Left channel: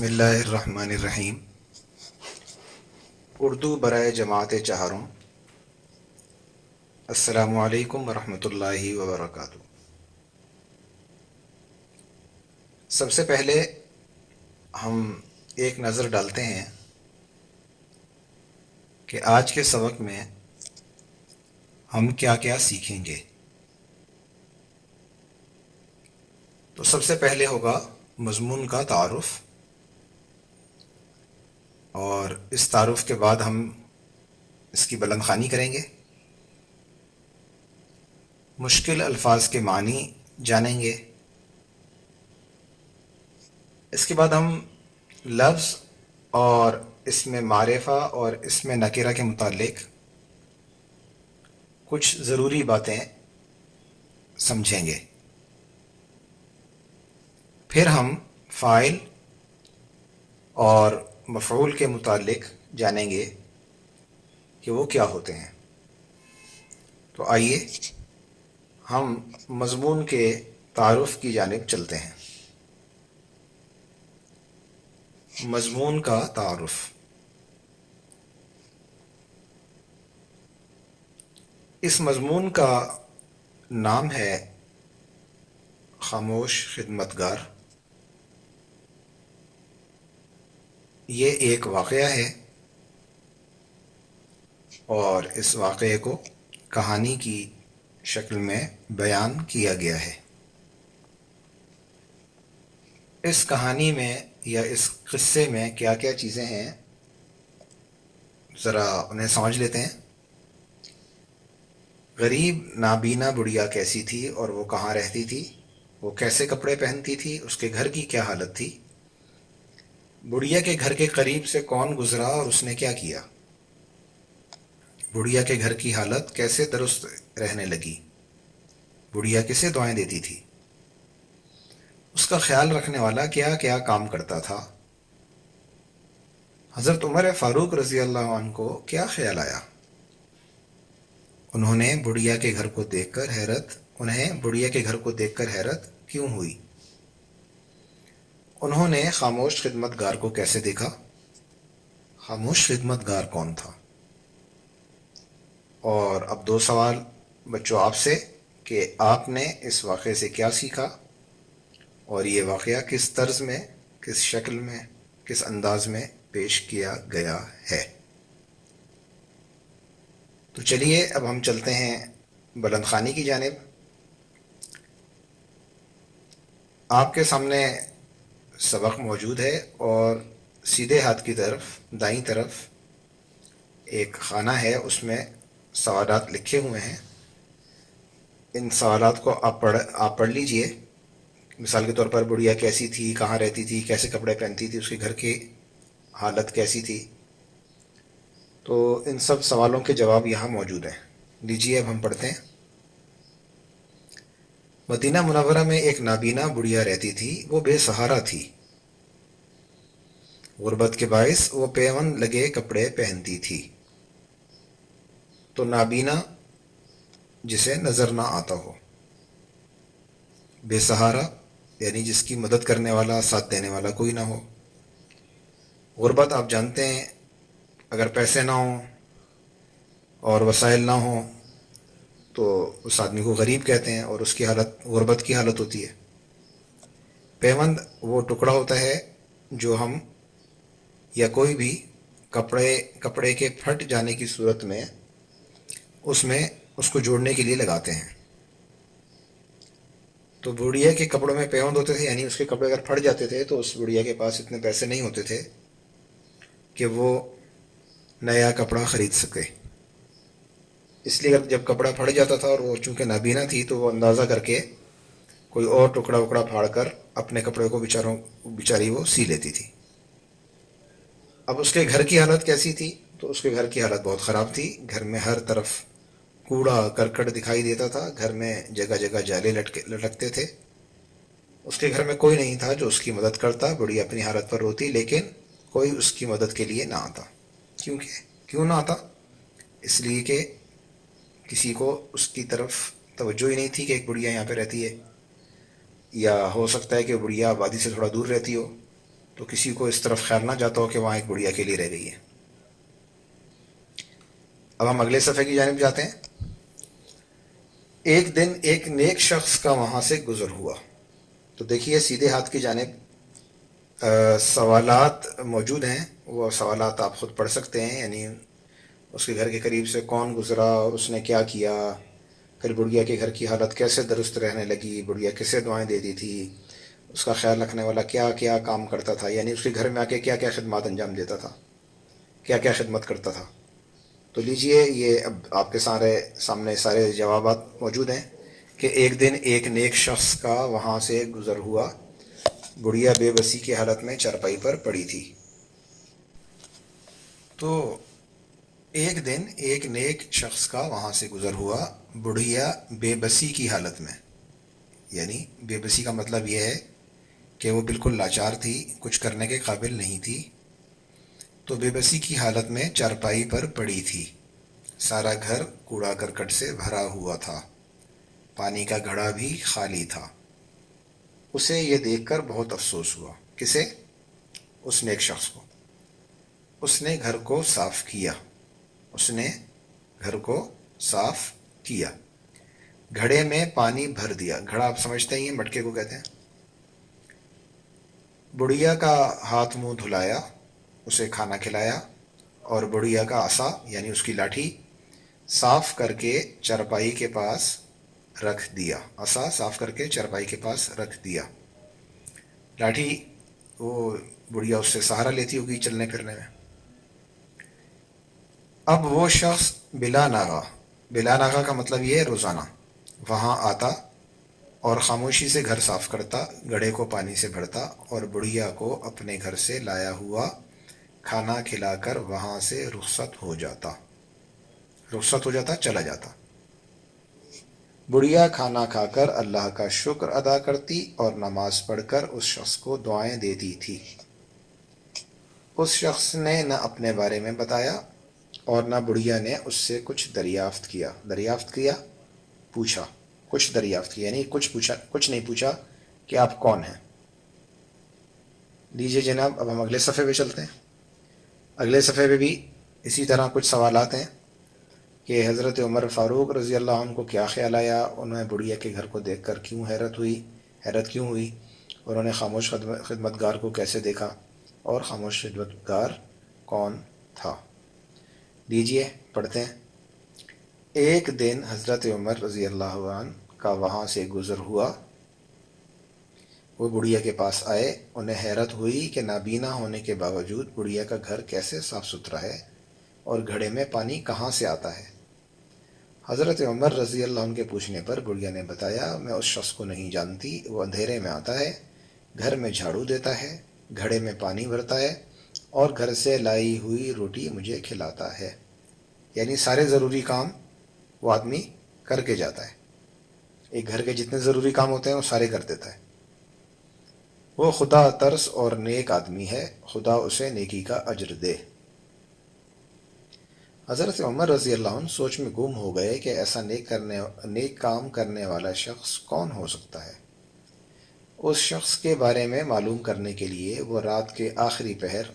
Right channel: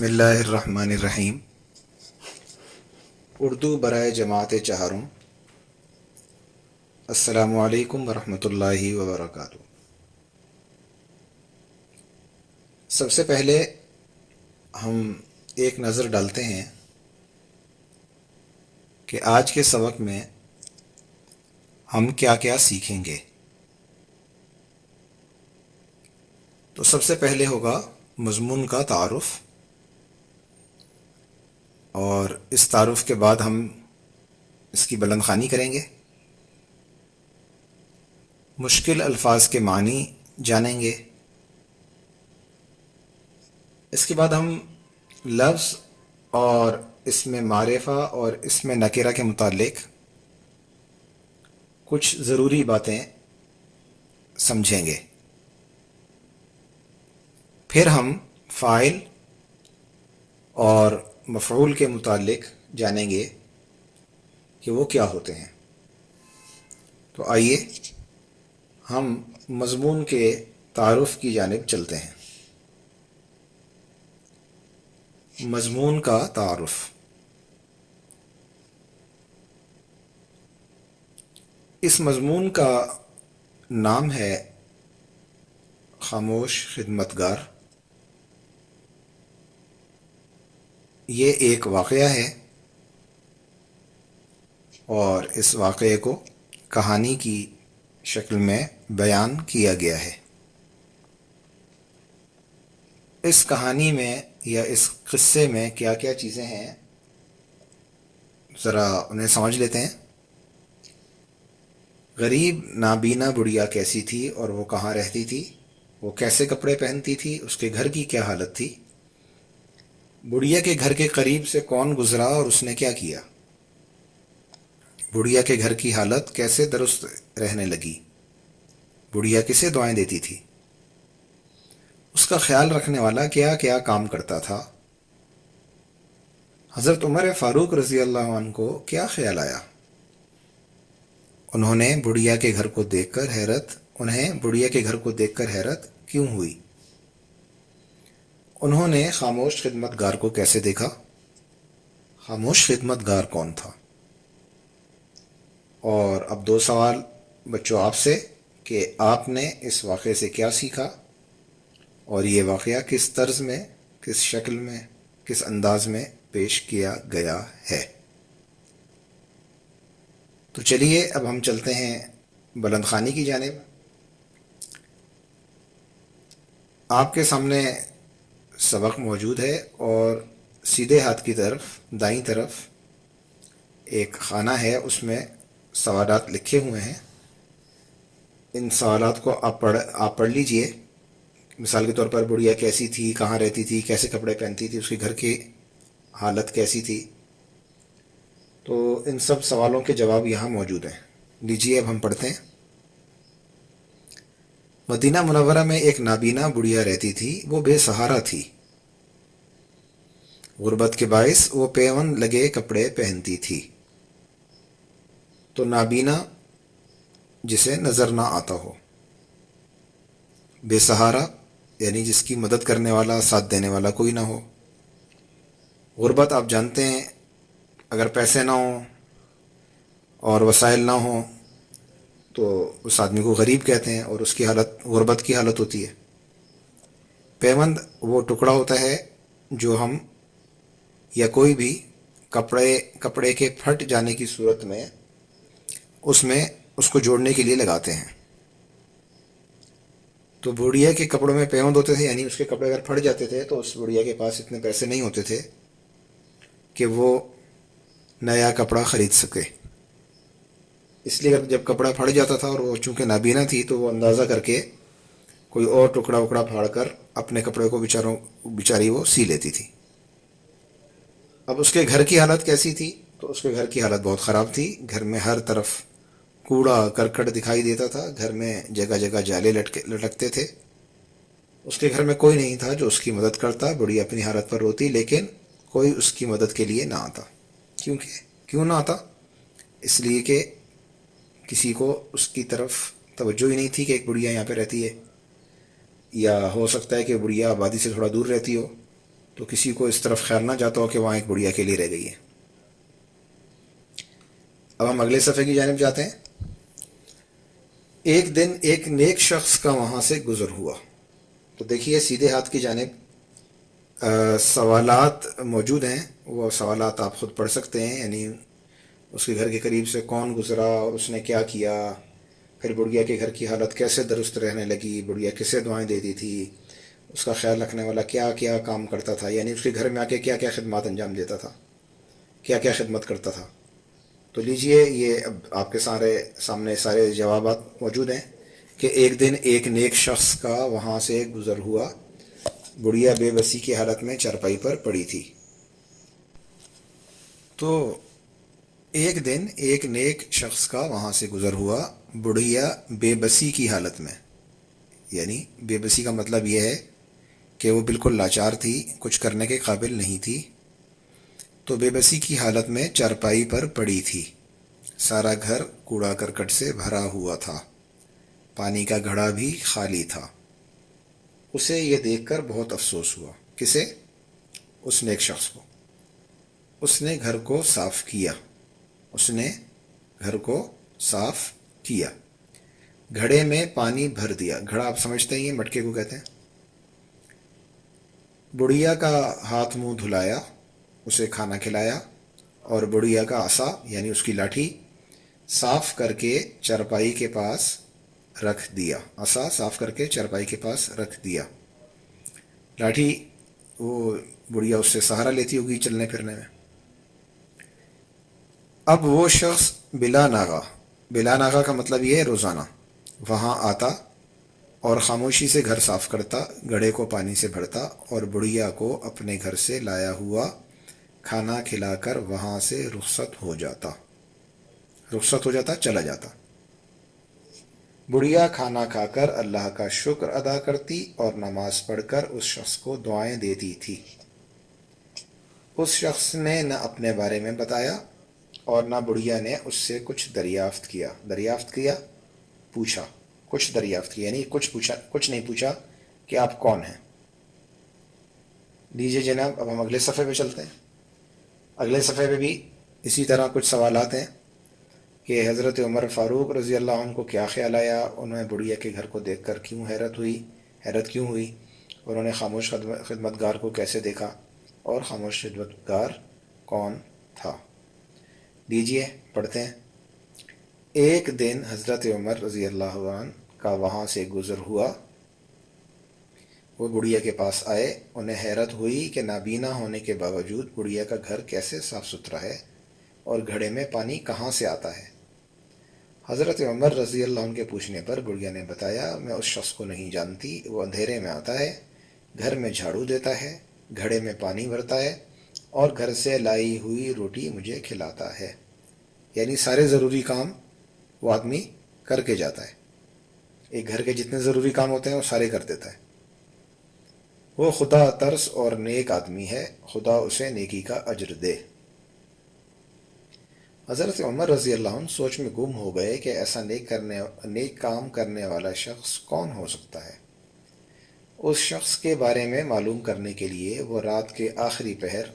بسم اللہ الرحمن الرحیم۔ اردو برائے جماعت چہاروں۔ السلام علیکم ورحمۃ اللہ وبرکاتہ۔ سب سے پہلے ہم ایک نظر ڈالتے ہیں کہ آج کے سبق میں ہم کیا کیا سیکھیں گے۔ تو سب سے پہلے ہوگا مضمون کا تعارف، اور اس تعارف کے بعد ہم اس کی بلند خوانی کریں گے، مشکل الفاظ کے معنی جانیں گے۔ اس کے بعد ہم لفظ اور اس میں معرفہ اور اس میں نکرہ کے متعلق کچھ ضروری باتیں سمجھیں گے۔ پھر ہم فاعل اور مفعول کے متعلق جانیں گے کہ وہ کیا ہوتے ہیں۔ تو آئیے ہم مضمون کے تعارف کی جانب چلتے ہیں۔ مضمون کا تعارف۔ اس مضمون کا نام ہے خاموش خدمتگار۔ یہ ایک واقعہ ہے اور اس واقعے کو کہانی کی شکل میں بیان کیا گیا ہے۔ اس کہانی میں یا اس قصے میں کیا کیا چیزیں ہیں، ذرا انہیں سمجھ لیتے ہیں۔ غریب نابینا بڑھیا کیسی تھی اور وہ کہاں رہتی تھی، وہ کیسے کپڑے پہنتی تھی، اس کے گھر کی کیا حالت تھی، بڑھیا کے گھر کے قریب سے کون گزرا اور اس نے کیا کیا، بڑھیا کے گھر کی حالت کیسے درست رہنے لگی، بڑھیا کسے دعائیں دیتی تھی، اس کا خیال رکھنے والا کیا کیا کام کرتا تھا، حضرت عمر فاروق رضی اللہ عنہ کو کیا خیال آیا، انہیں بڑھیا کے گھر کو دیکھ کر حیرت کیوں ہوئی، انہوں نے خاموش خدمتگار کو کیسے دیکھا، خاموش خدمتگار کون تھا۔ اور اب دو سوال بچوں آپ سے کہ آپ نے اس واقعے سے کیا سیکھا، اور یہ واقعہ کس طرز میں، کس شکل میں، کس انداز میں پیش کیا گیا ہے۔ تو چلیے اب ہم چلتے ہیں بلند خوانی کی جانب۔ آپ کے سامنے سبق موجود ہے اور سیدھے ہاتھ کی طرف دائیں طرف ایک خانہ ہے، اس میں سوالات لکھے ہوئے ہیں۔ ان سوالات کو آپ پڑھ لیجئے۔ مثال کے طور پر بڑھیا کیسی تھی، کہاں رہتی تھی، کیسے کپڑے پہنتی تھی، اس کے گھر کی حالت کیسی تھی۔ تو ان سب سوالوں کے جواب یہاں موجود ہیں۔ لیجئے اب ہم پڑھتے ہیں۔ مدینہ منورہ میں ایک نابینا بڑھیا رہتی تھی، وہ بے سہارا تھی۔ غربت کے باعث وہ پیوند لگے کپڑے پہنتی تھی۔ تو نابینا جسے نظر نہ آتا ہو، بے سہارا یعنی جس کی مدد کرنے والا، ساتھ دینے والا کوئی نہ ہو۔ غربت آپ جانتے ہیں، اگر پیسے نہ ہوں اور وسائل نہ ہوں تو اس آدمی کو غریب کہتے ہیں، اور اس کی حالت غربت کی حالت ہوتی ہے۔ پیوند وہ ٹکڑا ہوتا ہے جو ہم یا کوئی بھی کپڑے کے پھٹ جانے کی صورت میں اس کو جوڑنے کے لیے لگاتے ہیں۔ تو بڑھیا کے کپڑوں میں پیوند ہوتے تھے، یعنی اس کے کپڑے اگر پھٹ جاتے تھے تو اس بڑھیا کے پاس اتنے پیسے نہیں ہوتے تھے کہ وہ نیا کپڑا خرید سکے۔ اس لیے جب کپڑا پھٹ جاتا تھا اور وہ چونکہ نابینا تھی تو وہ اندازہ کر کے کوئی اور ٹکڑا وکڑا پھاڑ کر اپنے کپڑے کو بیچاری وہ سی لیتی تھی۔ اب اس کے گھر کی حالت کیسی تھی؟ تو اس کے گھر کی حالت بہت خراب تھی۔ گھر میں ہر طرف کوڑا کرکٹ دکھائی دیتا تھا، گھر میں جگہ جگہ جالے لٹکتے تھے۔ اس کے گھر میں کوئی نہیں تھا جو اس کی مدد کرتا۔ بڑی اپنی حالت پر روتی، لیکن کوئی اس کی مدد کے لیے نہ آتا۔ کیوں نہ آتا؟ اس لیے کہ کسی کو اس کی طرف توجہ ہی نہیں تھی کہ ایک بڑھیا یہاں پہ رہتی ہے، یا ہو سکتا ہے کہ بڑھیا آبادی سے تھوڑا دور رہتی ہو، تو کسی کو اس طرف خیال نہ جاتا ہو کہ وہاں ایک بڑھیا اکیلی رہ گئی ہے. اب ہم اگلے صفحے کی جانب جاتے ہیں. ایک دن ایک نیک شخص کا وہاں سے گزر ہوا. تو دیکھیے سیدھے ہاتھ کی جانب سوالات موجود ہیں. وہ سوالات آپ خود پڑھ سکتے ہیں. یعنی اس کے گھر کے قریب سے کون گزرا, اس نے کیا کیا, پھر بڑھیا کے گھر کی حالت کیسے درست رہنے لگی, بڑھیا کیسے دعائیں دیتی تھی, اس کا خیال رکھنے والا کیا کیا کام کرتا تھا, یعنی اس کے گھر میں آ کے کیا کیا خدمات انجام دیتا تھا, کیا کیا خدمت کرتا تھا. تو لیجئے یہ اب آپ کے سامنے سارے جوابات موجود ہیں کہ ایک دن ایک نیک شخص کا وہاں سے گزر ہوا. بڑھیا بے بسی کی حالت میں چارپائی پر پڑی تھی. تو ایک دن ایک نیک شخص کا وہاں سے گزر ہوا, بڑھیا بے بسی کی حالت میں. یعنی بے بسی کا مطلب یہ ہے کہ وہ بالکل لاچار تھی, کچھ کرنے کے قابل نہیں تھی. تو بے بسی کی حالت میں چارپائی پر پڑی تھی. سارا گھر کوڑا کرکٹ سے بھرا ہوا تھا, پانی کا گھڑا بھی خالی تھا. اسے یہ دیکھ کر بہت افسوس ہوا. کسے؟ اس نیک شخص کو. اس نے گھر کو صاف کیا. اس نے گھر کو صاف کیا, گھڑے میں پانی بھر دیا. گھڑا آپ سمجھتے ہیں, یہ مٹکے کو کہتے ہیں. بڑھیا کا ہاتھ منہ دھلایا, اسے کھانا کھلایا, اور بڑھیا کا عصا یعنی اس کی لاٹھی صاف کر کے چارپائی کے پاس رکھ دیا. عصا صاف کر کے چارپائی کے پاس رکھ دیا. لاٹھی وہ بڑھیا اس سے سہارا لیتی ہوگی چلنے پھرنے میں. اب وہ شخص بلا ناغہ, بلا ناغہ کا مطلب یہ ہے روزانہ, وہاں آتا اور خاموشی سے گھر صاف کرتا, گھڑے کو پانی سے بھرتا, اور بڑھیا کو اپنے گھر سے لایا ہوا کھانا کھلا کر وہاں سے رخصت ہو جاتا. رخصت ہو جاتا, چلا جاتا. بڑھیا کھانا کھا کر اللہ کا شکر ادا کرتی اور نماز پڑھ کر اس شخص کو دعائیں دیتی تھی. اس شخص نے نہ اپنے بارے میں بتایا اور نہ بڑھیا نے اس سے کچھ دریافت کیا. دریافت کیا, پوچھا, کچھ دریافت کیا, یعنی کچھ پوچھا, کچھ نہیں پوچھا کہ آپ کون ہیں. لیجیے جناب, اب ہم اگلے صفحے پہ چلتے ہیں. اگلے صفحے پہ بھی اسی طرح کچھ سوالات ہیں کہ حضرت عمر فاروق رضی اللہ عنہ کو کیا خیال آیا, انہیں بڑھیا کے گھر کو دیکھ کر کیوں حیرت کیوں ہوئی, انہوں نے خاموش خدمتگار کو کیسے دیکھا, اور خاموش خدمتگار کون تھا. لیجیے پڑھتے ہیں. ایک دن حضرت عمر رضی اللہ عنہ کا وہاں سے گزر ہوا. وہ بڑھیا کے پاس آئے. انہیں حیرت ہوئی کہ نابینا ہونے کے باوجود بڑھیا کا گھر کیسے صاف ستھرا ہے اور گھڑے میں پانی کہاں سے آتا ہے. حضرت عمر رضی اللہ عنہ کے پوچھنے پر بڑھیا نے بتایا, میں اس شخص کو نہیں جانتی, وہ اندھیرے میں آتا ہے, گھر میں جھاڑو دیتا ہے, گھڑے میں پانی بھرتا ہے, اور گھر سے لائی ہوئی روٹی مجھے کھلاتا ہے. یعنی سارے ضروری کام وہ آدمی کر کے جاتا ہے. ایک گھر کے جتنے ضروری کام ہوتے ہیں وہ سارے کر دیتا ہے. وہ خدا ترس اور نیک آدمی ہے, خدا اسے نیکی کا اجر دے. حضرت عمر رضی اللہ عنہ سوچ میں گم ہو گئے کہ ایسا نیک کام کرنے والا شخص کون ہو سکتا ہے. اس شخص کے بارے میں معلوم کرنے کے لیے وہ رات کے آخری پہر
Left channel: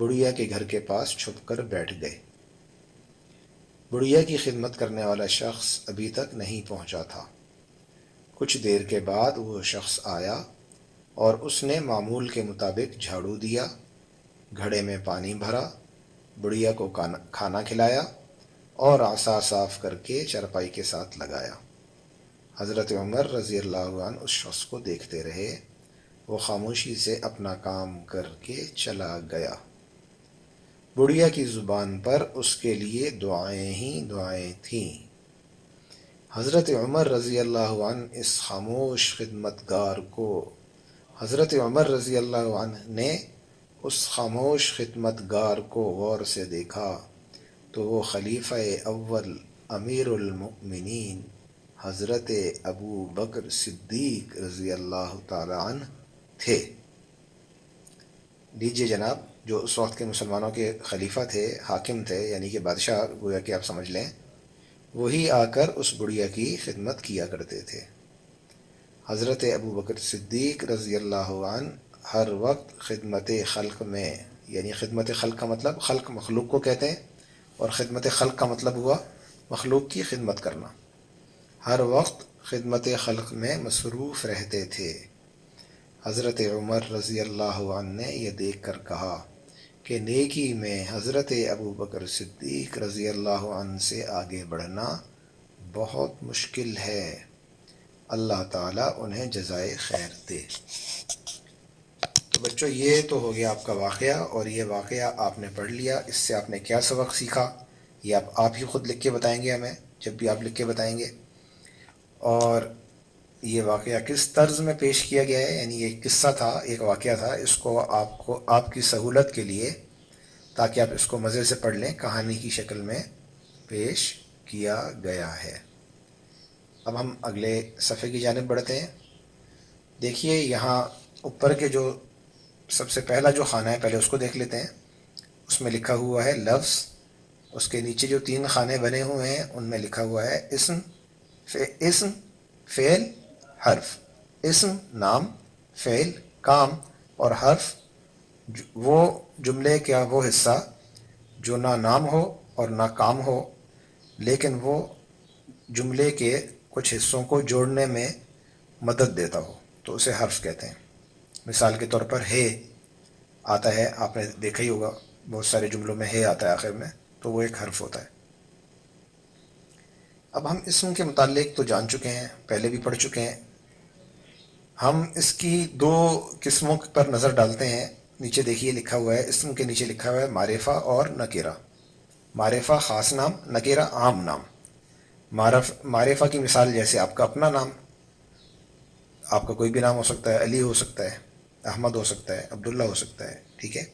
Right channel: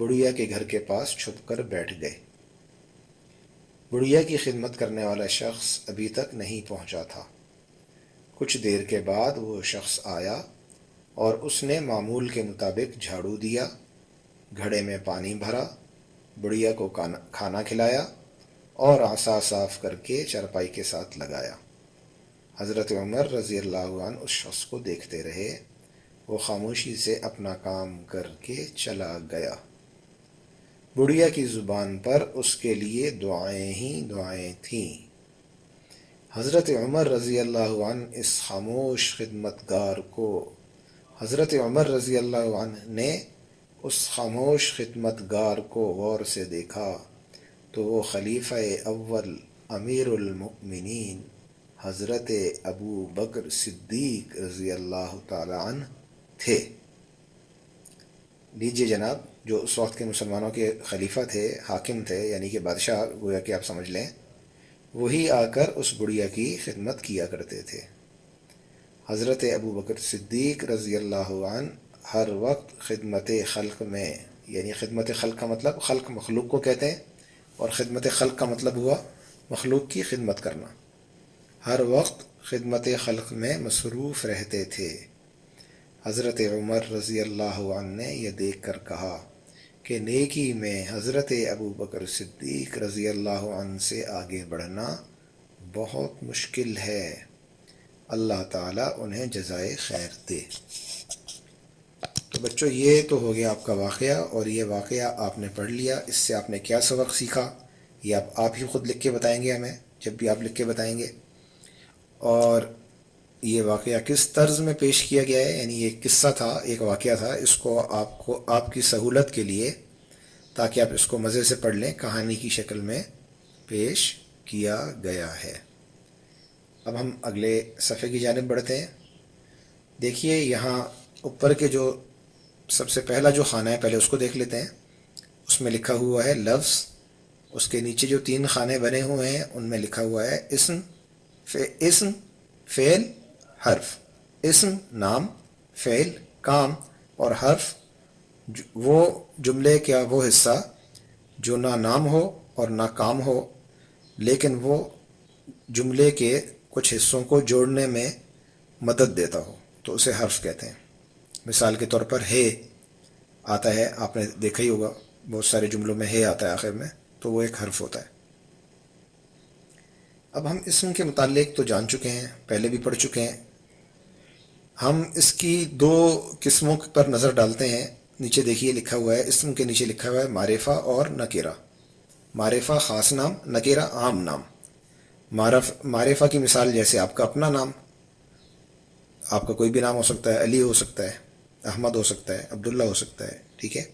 بڑھیا کے گھر کے پاس چھپ کر بیٹھ گئے. بڑھیا کی خدمت کرنے والا شخص ابھی تک نہیں پہنچا تھا. کچھ دیر کے بعد وہ شخص آیا اور اس نے معمول کے مطابق جھاڑو دیا, گھڑے میں پانی بھرا, بڑھیا کو کھانا کھلایا اور عصا صاف کر کے چارپائی کے ساتھ لگایا. حضرت عمر رضی اللہ عنہ اس شخص کو دیکھتے رہے. وہ خاموشی سے اپنا کام کر کے چلا گیا. بڑھیا کی زبان پر اس کے لیے دعائیں ہی دعائیں تھیں. حضرت عمر رضی اللہ عنہ اس خاموش خدمتگار کو حضرت عمر رضی اللہ عنہ نے اس خاموش خدمتگار کو غور سے دیکھا تو وہ خلیفہ اول امیر المؤمنین حضرت ابو بکر صدیق رضی اللہ تعالی عنہ تھے. لیجیے جناب, جو اس وقت کے مسلمانوں کے خلیفہ تھے, حاکم تھے, یعنی کہ بادشاہ گویا کہ آپ سمجھ لیں, وہی آ کر اس بڑھیا کی خدمت کیا کرتے تھے. حضرت ابو بکر صدیق رضی اللہ عنہ ہر وقت خدمت خلق میں، یعنی خدمت خلق کا مطلب خلق مخلوق کو کہتے ہیں، اور خدمت خلق کا مطلب ہوا مخلوق کی خدمت کرنا، ہر وقت خدمت خلق میں مصروف رہتے تھے۔ حضرت عمر رضی اللہ عنہ نے یہ دیکھ کر کہا کہ نیکی میں حضرت ابو بکر صدیق رضی اللہ عنہ سے آگے بڑھنا بہت مشکل ہے، اللہ تعالیٰ انہیں جزائے خیر دے۔ تو بچوں یہ تو ہو گیا آپ کا واقعہ، اور یہ واقعہ آپ نے پڑھ لیا، اس سے آپ نے کیا سبق سیکھا یہ آپ ہی خود لکھ کے بتائیں گے ہمیں، جب بھی آپ لکھ کے بتائیں گے۔ اور یہ واقعہ کس طرز میں پیش کیا گیا ہے، یعنی یہ قصہ تھا، ایک واقعہ تھا، اس کو آپ کی سہولت کے لیے تاکہ آپ اس کو مزے سے پڑھ لیں، کہانی کی شکل میں پیش کیا گیا ہے۔ اب ہم اگلے صفحے کی جانب بڑھتے ہیں۔ دیکھیے یہاں اوپر کے جو سب سے پہلا جو خانہ ہے پہلے اس کو دیکھ لیتے ہیں، اس میں لکھا ہوا ہے لفظ، اس کے نیچے جو 3 خانے بنے ہوئے ہیں ان میں لکھا ہوا ہے اسم، فعل، حرف۔ اسم نام، فعل کام، اور حرف وہ جملے کا وہ حصہ جو نہ نام ہو اور نہ کام ہو، لیکن وہ جملے کے کچھ حصوں کو جوڑنے میں مدد دیتا ہو، تو اسے حرف کہتے ہیں۔ مثال کے طور پر ہے آتا ہے، آپ نے دیکھا ہی ہوگا بہت سارے جملوں میں ہے آتا ہے آخر میں، تو وہ ایک حرف ہوتا ہے۔ اب ہم اسم کے متعلق تو جان چکے ہیں، پہلے بھی پڑھ چکے ہیں، ہم اس کی 2 قسموں پر نظر ڈالتے ہیں۔ نیچے دیکھیے لکھا ہوا ہے، اسم کے نیچے لکھا ہوا ہے معرفہ اور نکرہ۔ معرفہ خاص نام، نکرہ عام نام۔ معرفہ کی مثال جیسے آپ کا اپنا نام، آپ کا کوئی بھی نام ہو سکتا ہے، علی ہو سکتا ہے، احمد ہو سکتا ہے، عبداللہ ہو سکتا ہے، ٹھیک ہے،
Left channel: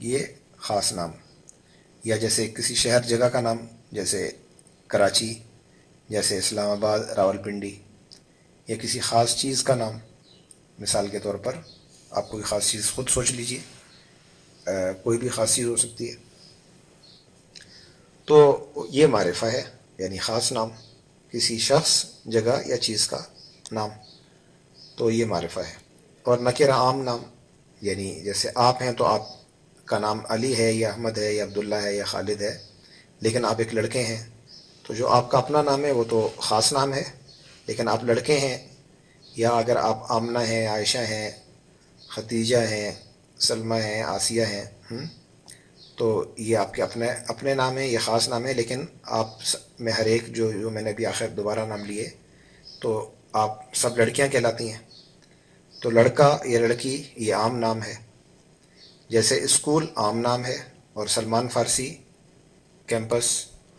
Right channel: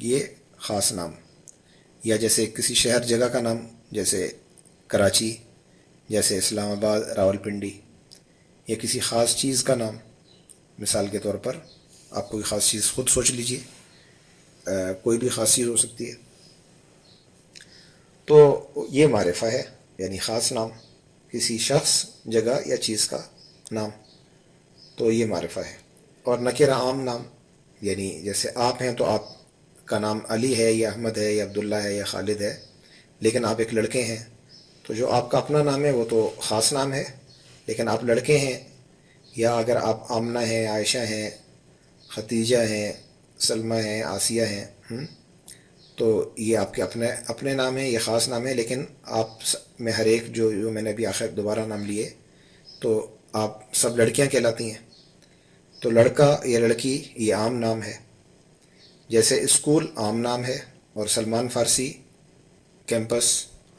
یہ خاص نام۔ یا جیسے کسی شہر جگہ کا نام، جیسے کراچی، جیسے اسلام آباد، راولپنڈی، یا کسی خاص چیز کا نام، مثال کے طور پر آپ کوئی خاص چیز خود سوچ لیجئے، کوئی بھی خاص چیز ہو سکتی ہے، تو یہ معرفہ ہے، یعنی خاص نام، کسی شخص، جگہ یا چیز کا نام، تو یہ معرفہ ہے۔ اور نکرہ عام نام، یعنی جیسے آپ ہیں تو آپ کا نام علی ہے یا احمد ہے یا عبداللہ ہے یا خالد ہے، لیکن آپ ایک لڑکے ہیں، تو جو آپ کا اپنا نام ہے وہ تو خاص نام ہے، لیکن آپ لڑکے ہیں، یا اگر آپ آمنہ ہیں، عائشہ ہیں، ختیجہ ہیں، سلمہ ہیں، آسیہ ہیں، تو یہ آپ کے اپنے نام ہیں، یہ خاص نام ہے، لیکن آپ میں ہر ایک جو میں نے ابھی آخر دوبارہ نام لیے تو آپ سب لڑکیاں کہلاتی ہیں، تو لڑکا یا لڑکی یہ عام نام ہے۔ جیسے اسکول عام نام ہے، اور سلمان فارسی کیمپس،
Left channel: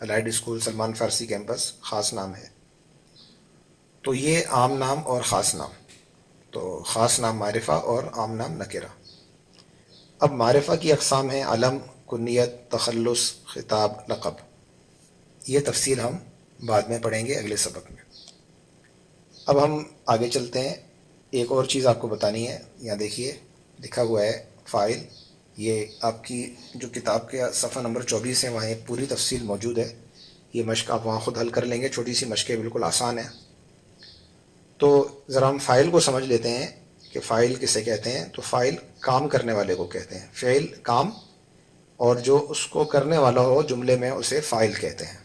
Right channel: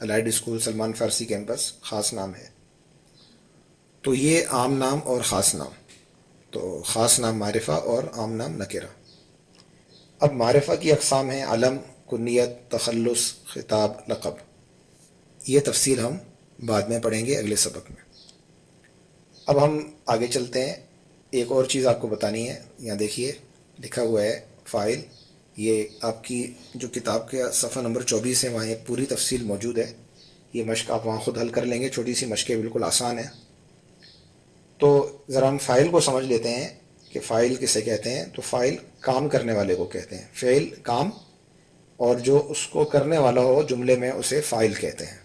الائڈ اسکول سلمان فارسی کیمپس خاص نام ہے۔ تو یہ عام نام اور خاص نام، تو خاص نام معرفہ اور عام نام نکرہ۔ اب معرفہ کی اقسام ہیں علم، کنیت، تخلص، خطاب، لقب۔ یہ تفصیل ہم بعد میں پڑھیں گے اگلے سبق میں۔ اب ہم آگے چلتے ہیں، ایک اور چیز آپ کو بتانی ہے، یہاں دیکھیے لکھا ہوا ہے فاعل، یہ آپ کی جو کتاب کے صفحہ نمبر 24 ہے وہاں یہ پوری تفصیل موجود ہے، یہ مشق آپ وہاں خود حل کر لیں گے، چھوٹی سی مشق ہے، بالکل آسان ہے۔ تو ذرا ہم فاعل کو سمجھ لیتے ہیں کہ فاعل کسے کہتے ہیں۔ تو فاعل کام کرنے والے کو کہتے ہیں، فعل کام، اور جو اس کو کرنے والا ہو جملے میں اسے فاعل کہتے ہیں۔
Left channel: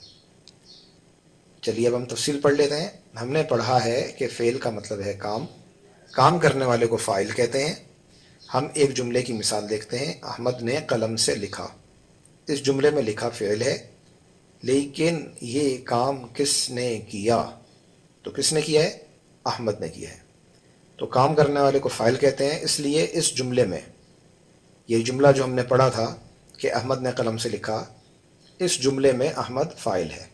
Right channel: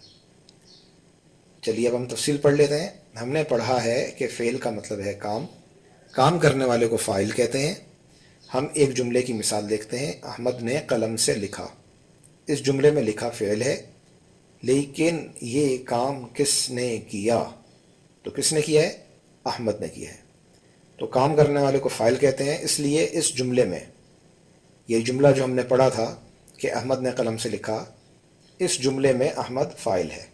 چلیے اب ہم تفصیل پڑھ لیتے ہیں۔ ہم نے پڑھا ہے کہ فعل کا مطلب ہے کام، کام کرنے والے کو فاعل کہتے ہیں۔ ہم ایک جملے کی مثال دیکھتے ہیں، احمد نے قلم سے لکھا۔ اس جملے میں لکھا فعل ہے، لیکن یہ کام کس نے کیا؟ تو کس نے کیا ہے؟ احمد نے کیا ہے۔ تو کام کرنے والے کو فاعل کہتے ہیں، اس لیے اس جملے میں یہ جملہ جو ہم نے پڑھا تھا کہ احمد نے قلم سے لکھا، اس جملے میں احمد فاعل ہے۔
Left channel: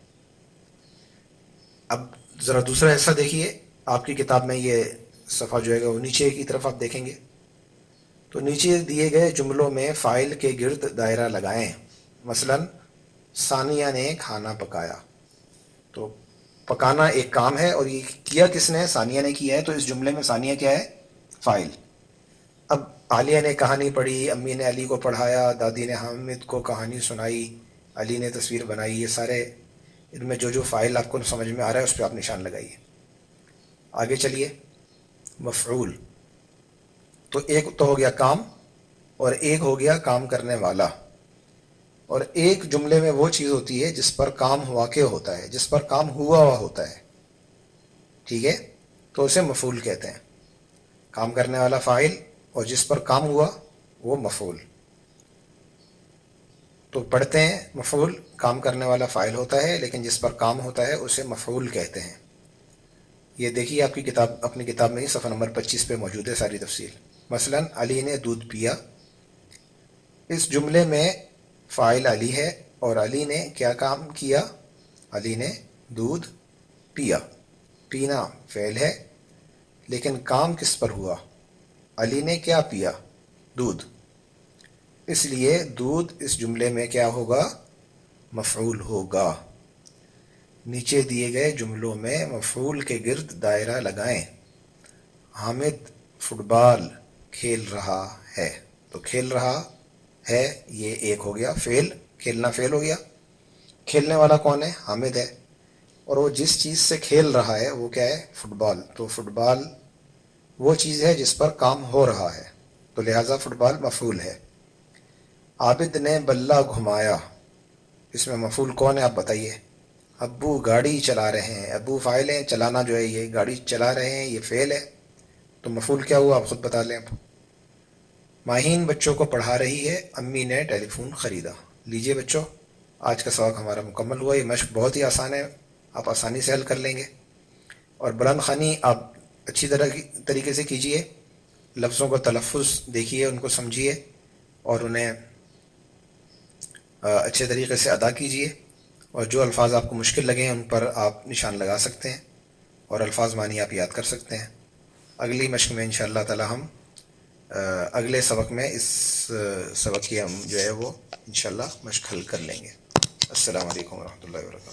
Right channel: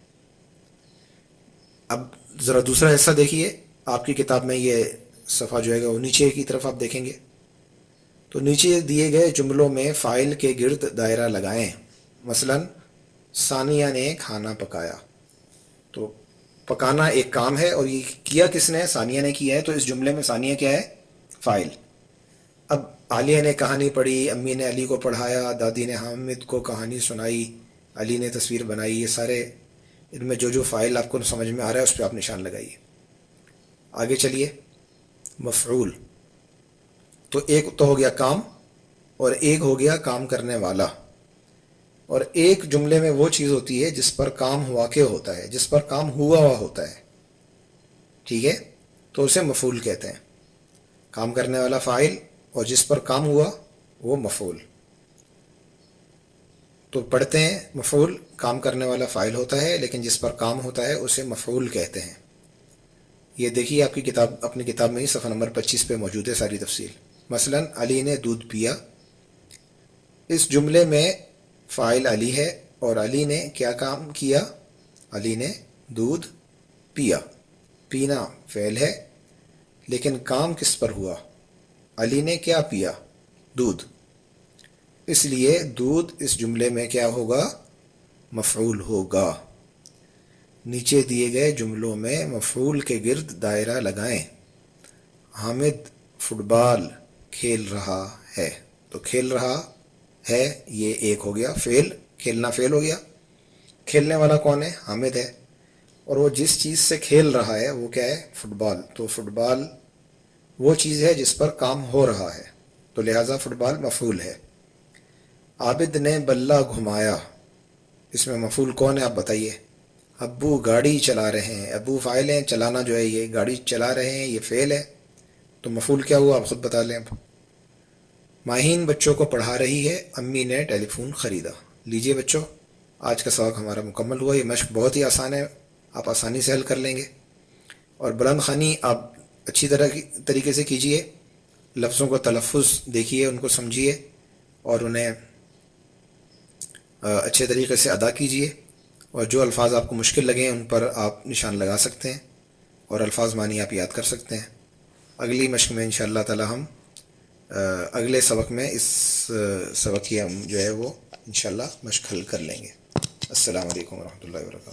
اب ذرا دوسرا حصہ دیکھیے، آپ کی کتاب میں یہ صفحہ جو ہے وہ نیچے کی طرف آپ دیکھیں گے، تو نیچے دیے گئے جملوں میں فاعل کے گرد دائرہ لگائیں۔ مثلا ثانیہ نے کھانا پکایا، تو پکانا ایک کام ہے اور یہ کیا کس نے؟ ثانیہ نے کیا ہے، تو اس جملے میں ثانیہ کیا ہے؟ فاعل۔ اب عالیہ نے کہانی پڑھی، امی نے علی کو پڑھایا، دادی نے حامد کو کہانی سنائی، علی نے تصویر بنائی، یہ سارے ان میں جو فاعل آپ کو سمجھ میں آ رہا ہے اس پہ آپ نشان لگائیے۔ آگے چلیے، مفعول۔ تو ایک تو ہو گیا کام اور ایک ہو گیا کام کرنے والا. اور ایک جملے میں وہ چیز ہوتی ہے جس پر کام واقع ہوتا ہے, جس پر کام ہوا ہوا ہوتا ہے, ٹھیک ہے, تو اسے مفعول کہتے ہیں. کام کرنے والا فاعل اور جس پر کام ہوا وہ مفعول. تو پڑھتے ہیں مفعول کام کرنے والا فاعل ہوتا ہے, لیکن جس پر کام ہوتا ہے اسے مفعول کہتے ہیں. یہ دیکھیے آپ کی کتاب, اپنی کتاب میں ہی صفحہ نمبر 25 پہ موجود ہے ساری تفصیل. مثلا علی نے دودھ پیا. اس جملے میں فاعل علی ہے اور علی نے کیا کام کیا؟ علی نے دودھ پیا. پینا فعل ہے لیکن کام کس پر ہوا؟ علی نے کیا پیا؟ دودھ. اس لیے دودھ اس جملے میں کیا ہوگا؟ مفعول ہوگا. نیچے دیے گئے جملوں میں مفعول کے گرد دائرہ لگائیں. حامد فٹ بال کھیل رہا ہے. تو کھیل رہا ہے یہ ایک ہو گیا فعل, کھیلنا فعل ہو گیا. کھیلنے والا کون ہے؟ حامد ہے. اور وہ جس چیز سے کھیل رہا ہے وہ کیا ہے؟ فٹ بال. تو فٹ بال وہ چیز ہے جس پر کام ہو رہا ہے, تو لہٰذا فٹ بال مفعول ہے. عابد نے بلہ گھمایا. اس میں مفعول کون ہے آپ بتائیے؟ ابو گاڑی چلا رہے ہیں. ابو فاعل ہے, چلانا جو ہے یہ گاڑی چلا رہے ہیں یہ فعل ہے, تو مفعول کیا ہوا آپ خود بتا لیں. اب ماہین بچوں کو پڑھا رہی ہے. امی نے ٹیلی فون خریدا. لیجئے بچوں, آج کا سبق ہمارا مکمل ہوا. یہ مشق بہت ہی آسان ہے, آپ آسانی سے حل کر لیں گے. اور بلند خوانی آپ اچھی طریقے سے کیجئے. لفظوں کا تلفظ دیکھیے, ان کو سمجھیے اور انہیں اچھے طریقے سے ادا کیجئے. اور جو الفاظ آپ کو مشکل لگیں ان پر آپ نشان لگا سکتے ہیں اور الفاظ معنی آپ یاد کر سکتے ہیں. اگلی مشق میں انشاءاللہ تعالی ہم اگلے سبق میں اس سبق کی ہم جو ہے وہ انشاءاللہ مشق حل کر لیں گے. السلام علیکم ورحمۃ اللہ وبرکاتہ.